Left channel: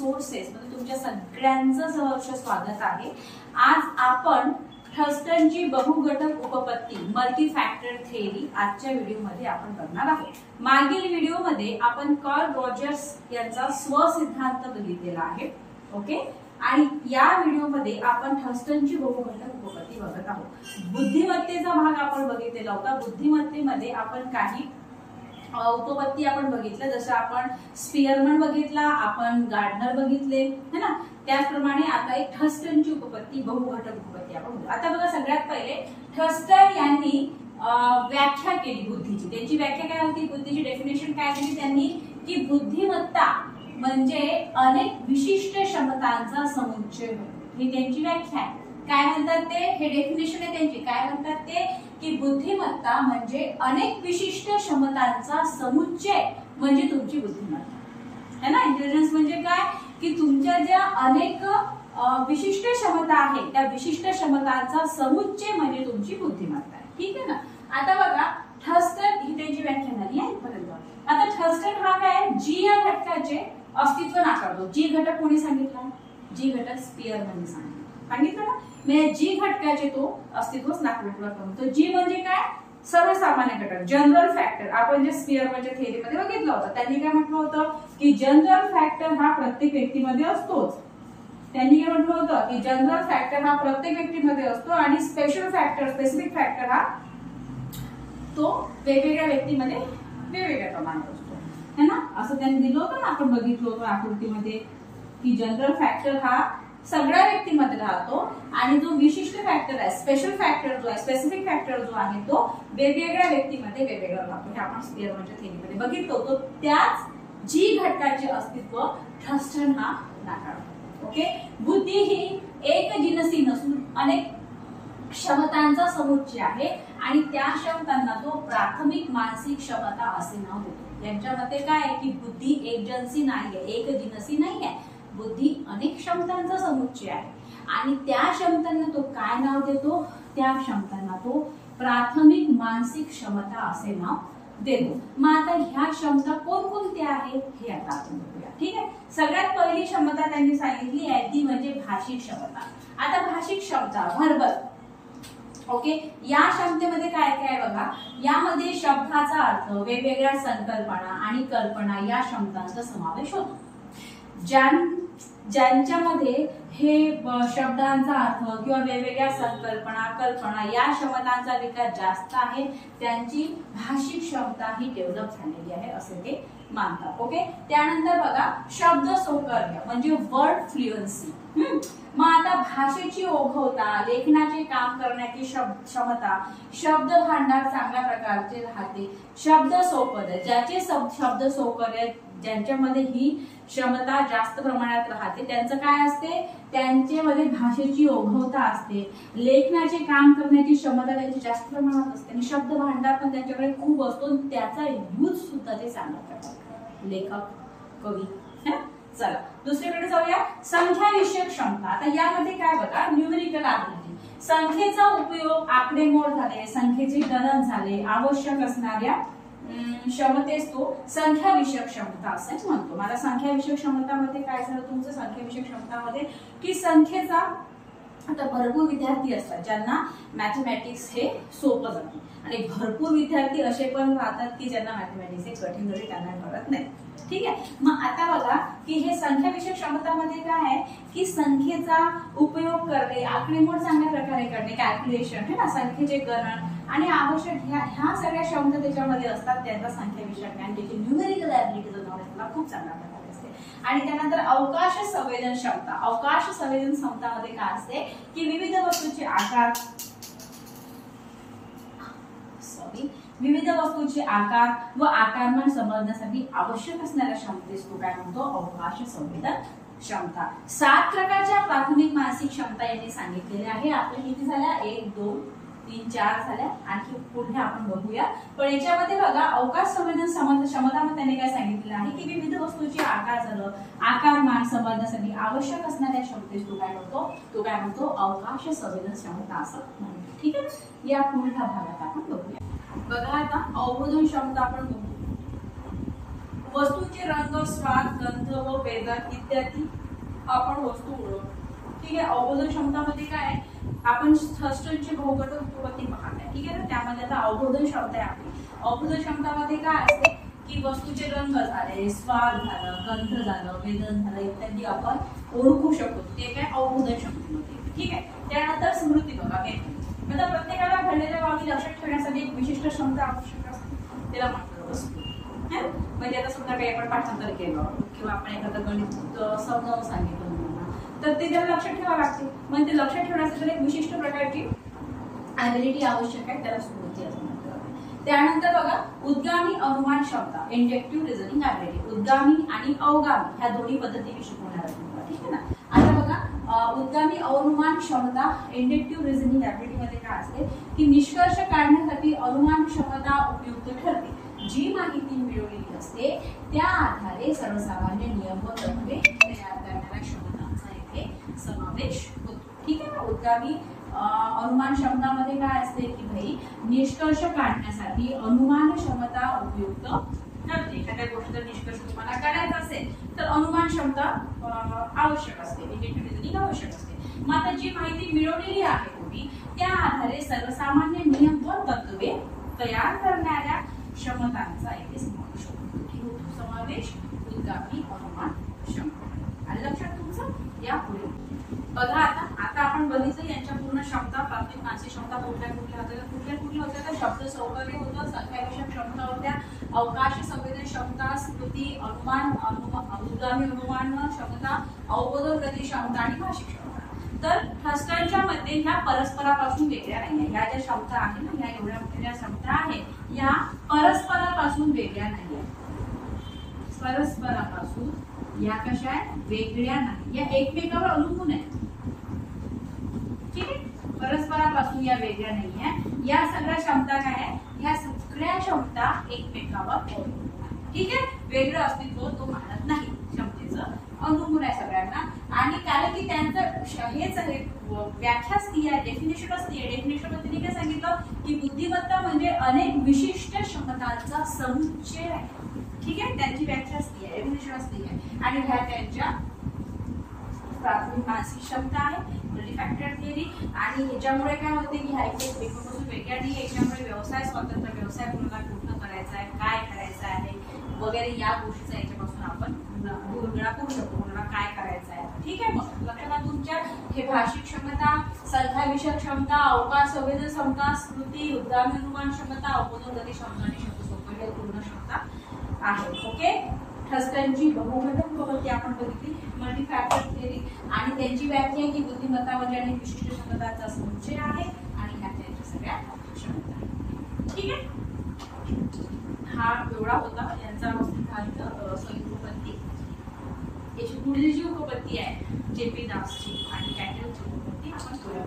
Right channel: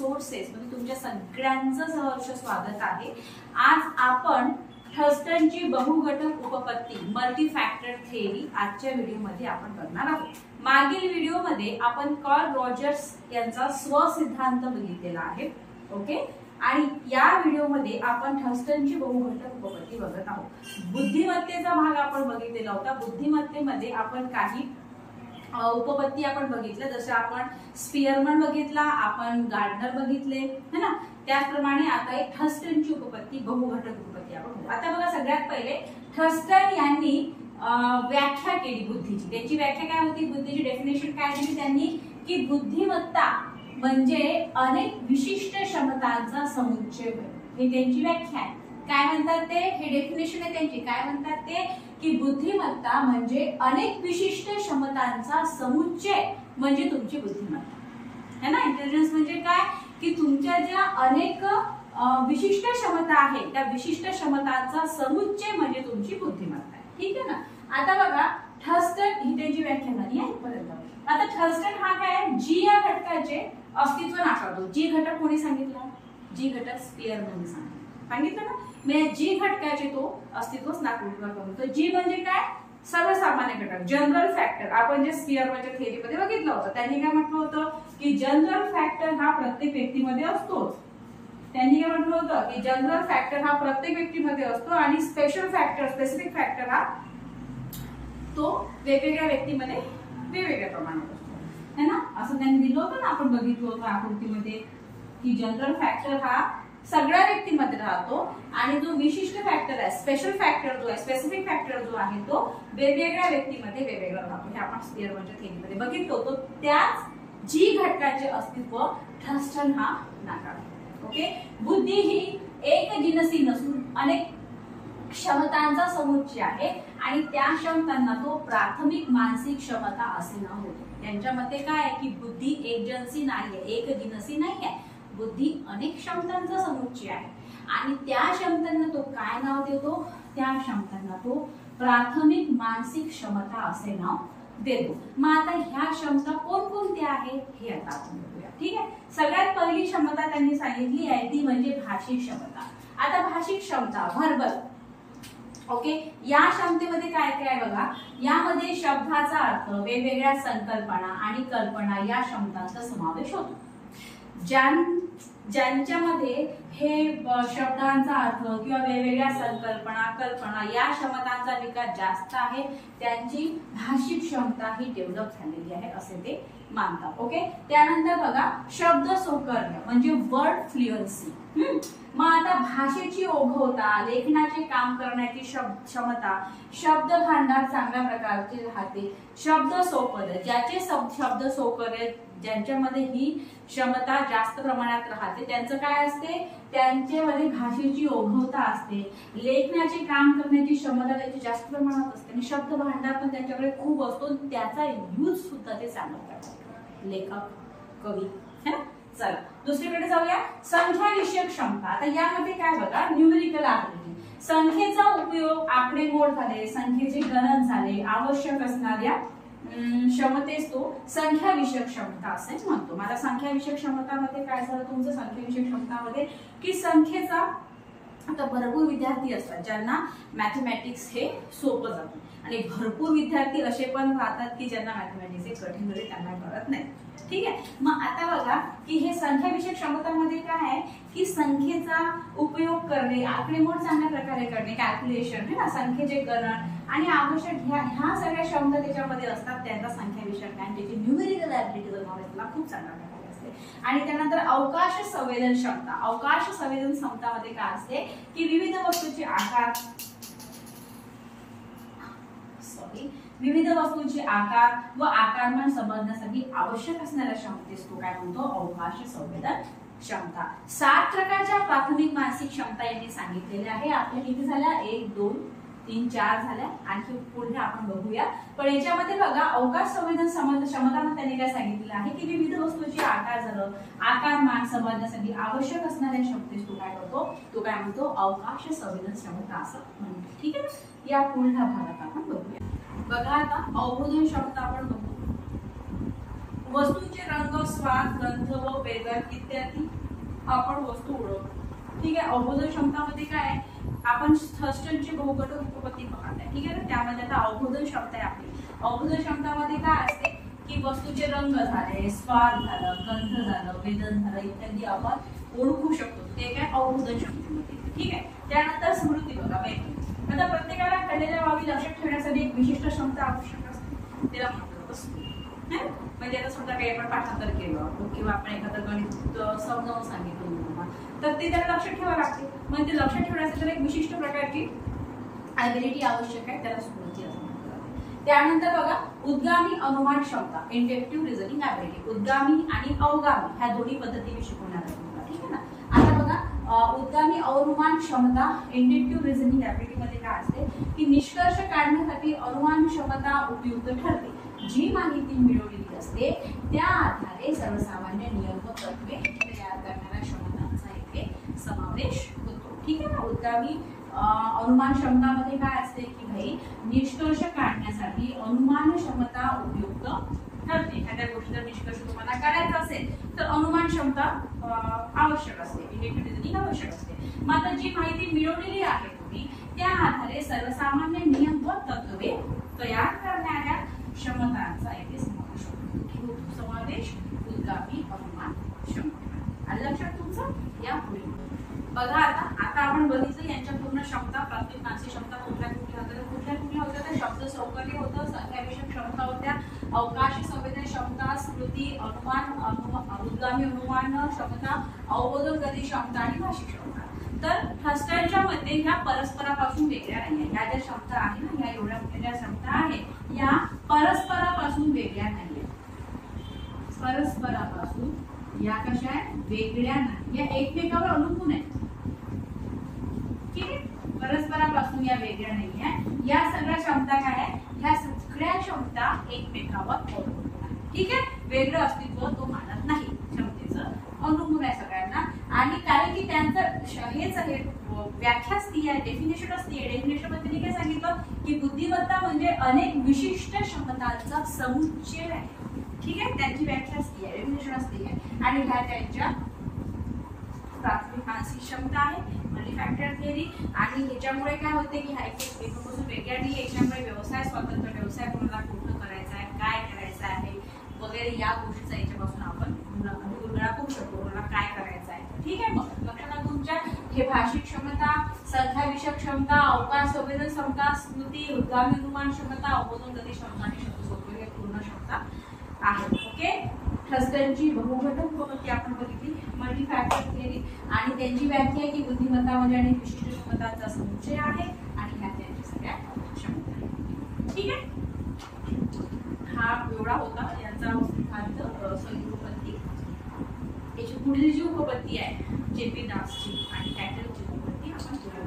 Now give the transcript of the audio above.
Resources मध्ये तुमच्या सगळ्यांचं सहर्ष स्वागत आहे। आज आपण थर्स्टनची बहुघटक उपपत्ती मल्टी फॅक्टर थेअरी आजच्या व्हिडिओमध्ये आपण बघणार आहोत। मागील व्हिडिओमध्ये आपण कार्ल रॉजर्स यांचा स्वसिद्धांत बघितलेला आहे, ओके। आणि या व्हिडिओमध्ये आपण थर्स्टनची बहुघटक उपपत्ती बघत आहोत। बुद्धिमत्तेचा भाग आपण बघितलेला होता। बुद्धिमत्तेमध्ये आपण काही उपपत्ती आपण बघितल्या, जसं आपण स्पियरमन बघितला, आपण गार्डनर बघितले, है ना। त्याचप्रमाणे आता एक थर्स्टनची उपपत्ती बहुघटक उपपत्ती आपण बघू। आता बघा, सगळ्यात पहिले थर्स्टन यांनी व्याख्या केली बुद्धीची। त्याची व्याख्या काय होती, बुद्धीची डेफिनेशन काय दिली त्यांनी, की बुद्धिमत्ता म्हणजे अनेक विशिष्ट क्षमतांचा समुच्चय। ही त्यांची व्याख्या आहे। काय म्हणतात ते, हे डेफिनेशन आहे त्यांची। काय म्हणतात ते, की बुद्धिमत्ता म्हणजे अनेक विशिष्ट क्षमतांचा समुच्चय म्हणजे तुमची बुद्धिमत्ता, है ना। इंटेलिजन्स म्हणजे काय, की तुमच्या ज्या अनेक विशिष्ट क्षमता आहेत त्या विशिष्ट क्षमतांचा समुच्चय म्हणजे तुमची बुद्धिमत्ता, ठीक आहे ना। आता बघा, थर्स्टन ही त्यांची व्याख्या झाली आहे पर्यंत। आता थर्स्टन हा काय, जी या घटकाचे अस्तित्व नाकारतो। जी घटक कोणी सांगितला, जी घटक स्पियरमनने सांगितलं ना। म्हणजे जी घटकाचे तो अस्तित्वच नाकारतो। जी म्हणजे काय, सर्वसामान्य घटक, जनरल फॅक्टर। आपण जे स्पियरमनच्या थेअरीमध्ये बघितलं होतं, त्यांनी काय म्हटलं होतं, की जनरल फॅक्टर हा प्रत्येक व्यक्तीमध्ये असतोच। त्यांनी काय म्हटलं होतं, की जनरल फॅक्टर हा प्रत्येक व्यक्तीमध्ये असतो आणि स्पेशल फॅक्टर, स्पेसिफिक फॅक्टर हा तो वेगवेगळ्या व्यक्तीमध्ये वेगवेगळ्या प्रमाणात असतो, है ना। असं त्यांनी दिलं होतं ना, आपण बघितलं होतं आकृतीमध्ये, की जनरल फॅक्टर हा सगळ्या व्यक्तीमध्ये राहतो आणि जो विशिष्ट फॅक्टर आहे, स्पेशल फॅक्टर जो आहे, स्पेसिफिक फॅक्टर जो आहे, तो वेगवेगळ्या व्यक्तीमध्ये वेगवेगळा राहतो। हे आपण स्पियरमनच्या थेअरीमध्ये बघितलं होतं। त्याच जी घटकाचे अस्तित्व थर्स्टन हा नाकारतो, ओके। बुद्धी ही एक जिनसी नसून अनेक क्षमतांचा समुच्चय आहे आणि त्या क्षमतांना तो प्राथमिक मानसिक क्षमता असे नाव देतो। यांच्या मते काय आहे, की बुद्धी एक जिनसी नाहीये, एक जिनसी नाहीये। बुद्धी अनेक क्षमतांचा समुच्चय आहे आणि त्या क्षमतांना तो काय नाव देतो, त्या क्षमतांना तो प्राथमिक मानसिक क्षमता असे नाव देतो। मग आता ह्या क्षमता कोणकोणत्या आहेत हे आता आपण बघूया, ठीक आहे। सगळ्यात पहिली क्षमता त्यांनी सांगितली आहे ती म्हणजे भाषिक क्षमता। आता भाषिक क्षमता, व्हर्बल, ओके। या क्षमतेमध्ये काय काय बघा, यामध्ये शब्दाचा अर्थ, वेगवेगळ्या संकल्पना आणि कल्पना या क्षमतांचा समावेश होतो। ज्यांच्यामध्ये हे शब्दांचा अर्थ किंवा वेगवेगळ्या संकल्पना, कल्पना या क्षमतांचा विकास जास्त आहे, त्यांची भाषिक क्षमता ही डेव्हलप झालेली आहे असे ते मानतात, ओके। त्यानंतर बघा, शब्द सौकर्य म्हणजे वर्ड फ्लुएन्सी। मग आता भाषेची ओघवता, लेखनाचे काम करण्याची क्षमता, शब्द भांडार चांगल्या प्रकारचे राहते। शब्द सौकर्य, ज्याचे शब्द सौकर्य, ज्यांच्यामध्ये ही क्षमता जास्त प्रमाणात राहते, त्यांचं काय असते, त्यांच्यामध्ये भाषेची ओघवता असते, लेखनाचे काम करण्याची क्षमता त्यांची जास्त प्रमाणात असते आणि शब्द भांडार पण त्यांच्याकडे खूप असतो, त्याचा यूज सुद्धा ते चांगल्या प्रकारे करतात, लेखक, कवी, है ना। चला दुसरीकडे जाऊया, संख्या विषयक क्षमता। आता यामध्ये काय बघा, न्यूमेरिकल ॲबिलिटी, संख्येचा उपयोग, आकडेमोड झाले, संख्येचे गणन झाले, आवश्यक असणाऱ्या क्षमतेस तो संख्या विषयक क्षमता असे म्हणतो। मला संख्या विषयक क्षमतामध्ये काय झालं तुमचं, संख्या विषयक क्षमतामध्ये की संख्येचा, आता भरपूर विद्यार्थी असतात ज्यांना मॅथमॅटिक्स हे सोपं जातं आणि भरपूर विद्यार्थी असे पण राहतात की ज्यांना मॅथमॅटिक्स हे कठीण जरी त्यांना कळत नाही, ठीक आहे। मग आता बघा, की हे संख्या विषयक क्षमतामध्ये काय आहे, की संख्येचा उपयोग करणे, आकडेमोड चांगल्या प्रकारे करणे, कॅल्क्युलेशन, है ना, संख्येचे गणन आणि आवश्यक ह्या सगळ्या क्षमता त्याच्यामध्ये असतात, त्यांचा संख्या विषयक ज्ञान, ज्याची न्यूमेरिकल ॲबिलिटीचं नॉलेज मला खूप चांगल्या प्रकारे असते। आणि त्यानंतर अवकाश संवेदन क्षमता। अवकाश संवेदन क्षमतामध्ये काय असते, की विविध वस्तूंचे आकार, विविध वस्तूंचे आकार व आकारमान समजण्यासाठी आवश्यक असणाऱ्या क्षमतेस तो काय म्हणतो, अवकाश संवेदन क्षमता। 7 प्रकारच्या प्राथमिक मानसिक क्षमता यांनी सांगितलेल्या आहे। आपल्या किती झाल्या, 1 2 3 4 झाल्या, आणखी पुढे आपण बघूया। पण याच्यामध्ये बघा, अवकाश संवेदन क्षमतामध्ये त्यांनी काय सांगितलेलं आहे, की विविध वस्तूंचे आकार झालं, आकारमान समजण्यासाठी आवश्यक असणाऱ्या क्षमतेस तो काय करतो, तो काय म्हणतो, अवकाश संवेदन क्षमता असं म्हणतो, ठीक आहे। या पुढल्या भागात आपण बघूया। बघा, आता अवबोधन क्षमता आपण बघू। वस्तूचे रंग, स्वाद, गंध व वेदन इत्यादी आपण वस्तू ओळखतो. ठीक आहे. अवबोधन क्षमतामध्ये काय आहे, आपण थर्स्टनची बहुघटक उपपत्ती पाहताय. ठीक आहे ना. त्यामध्ये आता अवबोधन क्षमता आहे आपली. अवबोधन क्षमतामध्ये काय असते की वस्तूचे रंग झाले, स्वाद झालं, गंध झालं, वेदन झालं इत्यादी आपण ओळखू शकतो. ते काय अवबोधन क्षमतेमध्ये. ठीक आहे. त्यानंतर स्मृती बघा. आता प्रत्येकाला घडलेल्या बाबी लक्षात ठेवण्यासाठी एक विशिष्ट क्षमता आवश्यक असते. त्याला म्हणतात स्मृती. म्हणजे आता समजा काही आपण पाठांतर केलं किंवा आपण एखादं गणित समजावून सांगितलं तर ते त्याला लक्षात ठेवावं लागते. मग ते लक्षात ठेवण्यासाठी एक विशिष्ट प्रकारची ॲबिलिटी आवश्यक आहे, त्याला स्मृती असं म्हणतात. त्यानंतर बघा उद्गामी अनुमान क्षमता, इंडक्टिव्ह रिझनिंग ॲबिलिटी. उद्गामी आणि अवगामी ह्या दोन्ही पद्धती मी शिकवणार आहे तुम्हाला. ठीक आहे ना. आता बघा उद्गामी अनुमान क्षमता इंडक्टिव्ह रिझनिंग ॲबिलिटी मध्ये काय असते की निष्कर्ष काढण्यासाठी अनुमान क्षमता उपयुक्त ठरते. जी माहिती मिळवलेली असते त्या आधारे सर्वसामान्य नियम व तत्त्वे तयार करणाऱ्या क्षमतांचा इथे समावेश होतो. ठीक आहे ना. उद्गामी अनुमान क्षमतामध्ये काय असते की भाई निष्कर्ष काढण्यासाठी अनुमान क्षमता उपयुक्त ठरते. एखाद्या गोष्टीचा निष्कर्ष तुम्हाला काढायचा असेल तर अनुमान क्षमता आवश्यक असते, इंडक्टिव्ह रिझनिंग आवश्यक असते. मग आता जी माहिती मिळवलेली आहे तुम्ही त्या आधारे सर्वसामान्य नियम व तत्त्वे तयार करणाऱ्या क्षमतांचा इथे समावेश होतो. समावेश उद्गामी अनुमान क्षमता. आणि लक्षात तुमचं या पुढे बघा. आता आपण बघितलं यांच्या पूर्ण क्षमता. प्राथमिक मानसिक क्षमता कुठल्या होत्या तर शब्द सौकर्य होतं, संख्याविषयक क्षमता होत्या, अवकाशी संवेदन क्षमता, स्मृती, अनुमान, उद्गामी अनुमान क्षमता, अवबोधन गती क्षमता आणि भाषिक क्षमता. तर थर्स्टनच्या मते ह्या परस्परापासून वेगळ्या नाही. ह्या ज्या क्षमता आहे ना, ह्या एवढ्या मोठ्या क्षमता आहेत या परस्परापासून वेगळ्या नाही. परस्परापासून या कशा आहेत, वेगळ्या नाही. या एकमेकांवर अवलंबून आहेत. ठीक आहे. परस्परापासून या वेगळ्या नाही आहे. या सगळ्या क्षमता काय आहे, या सगळ्या क्षमता एकमेकांवर अवलंबून आहेत. ठीक आहे. वेगळं अस्तित्व तो मानत नाही. क्षमतेचं अवलंबून आहे सगळ्यांना. आणि कारण की त्यांचं हेच आहे व्याख्याच ती आहे, डेफिनेशनच ती आहे. डेफिनेशन मध्ये त्यांनी काय सांगितलं की बुद्धिमत्ता म्हणजे अनेक विशिष्ट क्षमतांचा समुच्चय आहे. ठीक आहे. त्यांची व्याख्याच ती आहे, डेफिनेशनच ती आहे. आणि ह्या त्यांच्या प्राथमिक मानसिक क्षमता आहे, मल्टीफॅक्टर थिअरी. आणि ह्याच्यामुळे काय होते की ह्या एकमेकांपासून वेगळ्या नाही. याच्यामुळे व्यवसाय स्वतंत्र, व्यवसाय कोणाला कुठं करायचा आहे, काय करायचं आहे वगैरे या गोष्टीचा याच्यापासून आपण उलगडा करू शकतो, कोणाला काय करायचं आहे. ठीक आहे. मग लक्षात तुमच्या हे भाषिक क्षमता, संख्याविषयक क्षमता, अवकाश संवेदन क्षमता, स्मृती, उद्गामी अनुमान क्षमता, अवबोधन गती क्षमता आणि शब्द सौकर्य पूर्ण क्षमता आहे. ओके. थर्स्टनची बहुघटक उपपत्ती आपण बघितली, मल्टीफॅक्टर थिअरी. आणि त्यांची व्याख्या आहे की बुद्धिमत्तामध्ये अनेक विशिष्ट क्षमतांचा समुच्चय आहे आणि ह्या त्यांच्या सगळ्या क्षमता आहेत. ठीक आहे. हा एवढा होता यांचा सॉरी उपपत्ती. याची पुढील जी उपपत्ती आहे जेपी दासची आणि कॅटलची उपपत्ती आपण तुला